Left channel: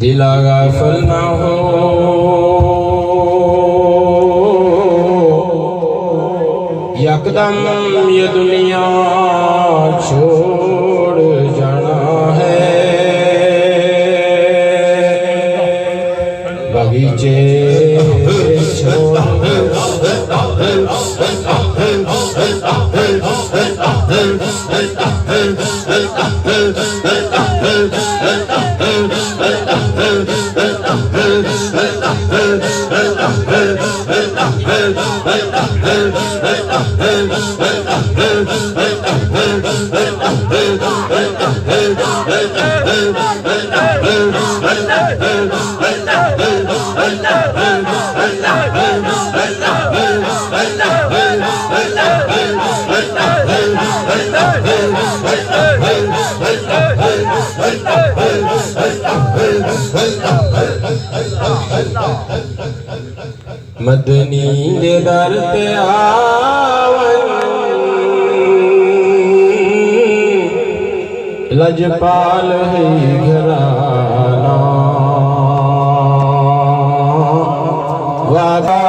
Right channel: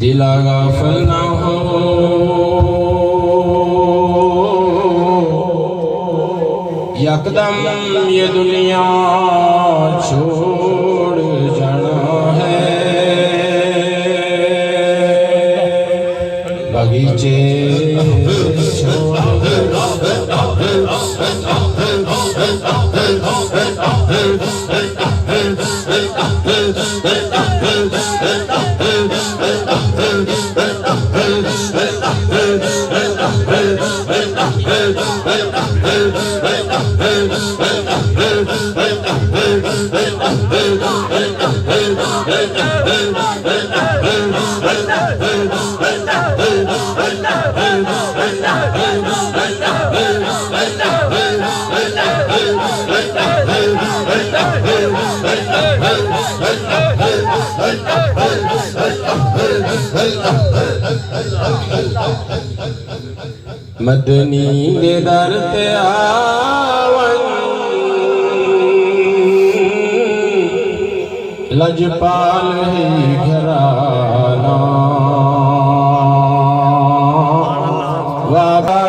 दिला गाफिल ना हो यकदम ये दुनिया छोड़ जाना है। बगीचे मदनी दे दर ते आवन लजपाल ही घराना वादा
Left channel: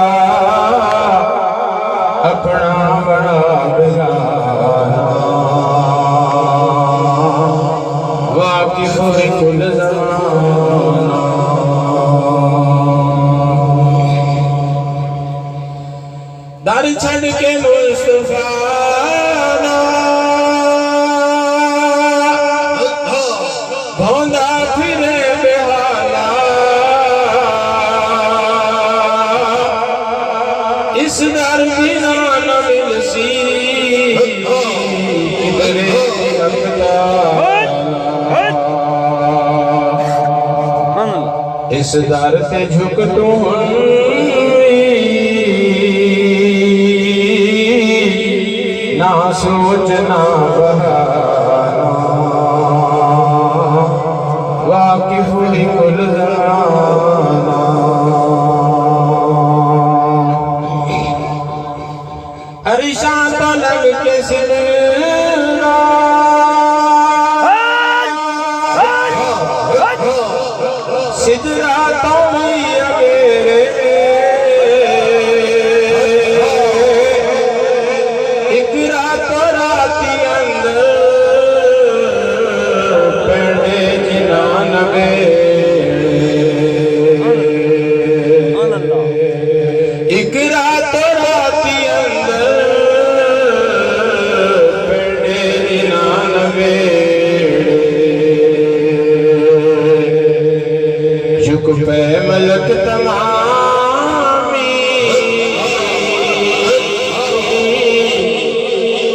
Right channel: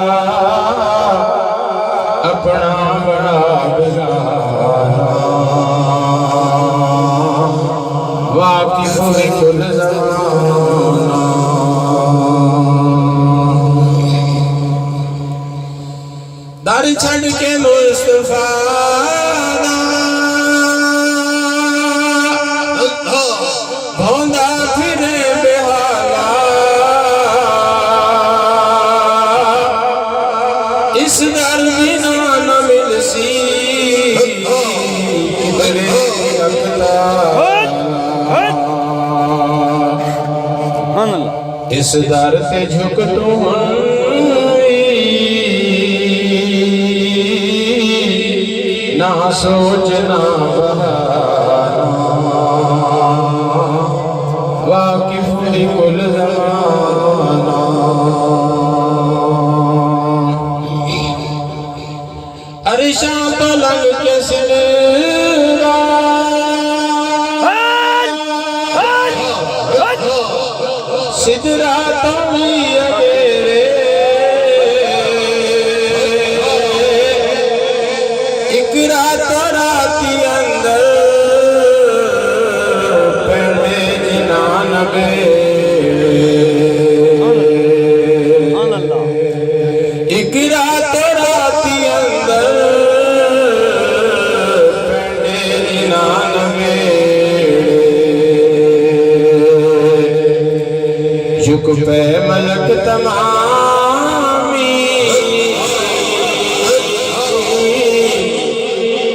अपना बड़ा बेगाना वाकिफ है कुल ज़माना। दारी छड़ के मुस्तफा धोंदा फिरे बेहाला इस दर बिना न मिलसी इस दर से झुक तू ना सोचना वाकिफ ही कुल ज़माना। अरिशा पलंग के सिलरा सिदरा तो नहीं अगेरे इकरा तो राती अंदर पहले जिनान इकरा तो राती अंदर पहले जिनान झुक पे मलक तमामी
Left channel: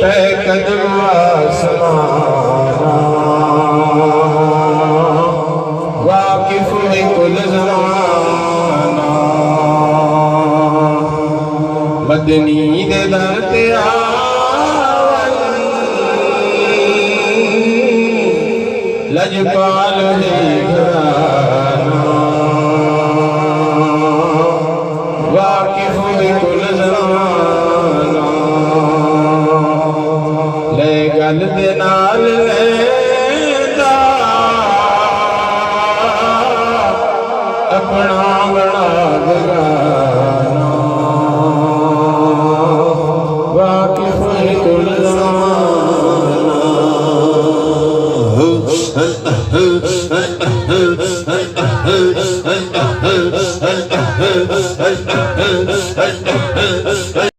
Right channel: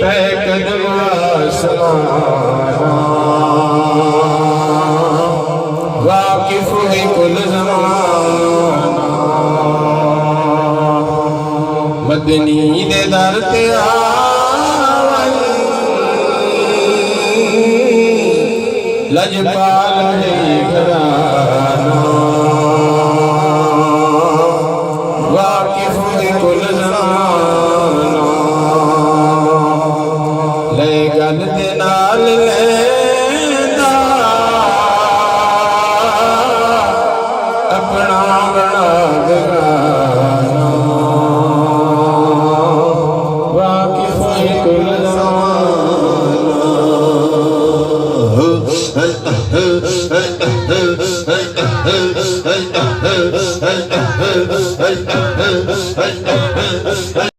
पे कदम आसमाना वाकिफ है कुल ज़माना। मदनी दे दर ते आवन लजपाल है घराना वाकिफ है कुल ज़माना। ले गल दे नाल लेंदा अपना बड़ा बेगाना वाकिफ है कुल ज़माना।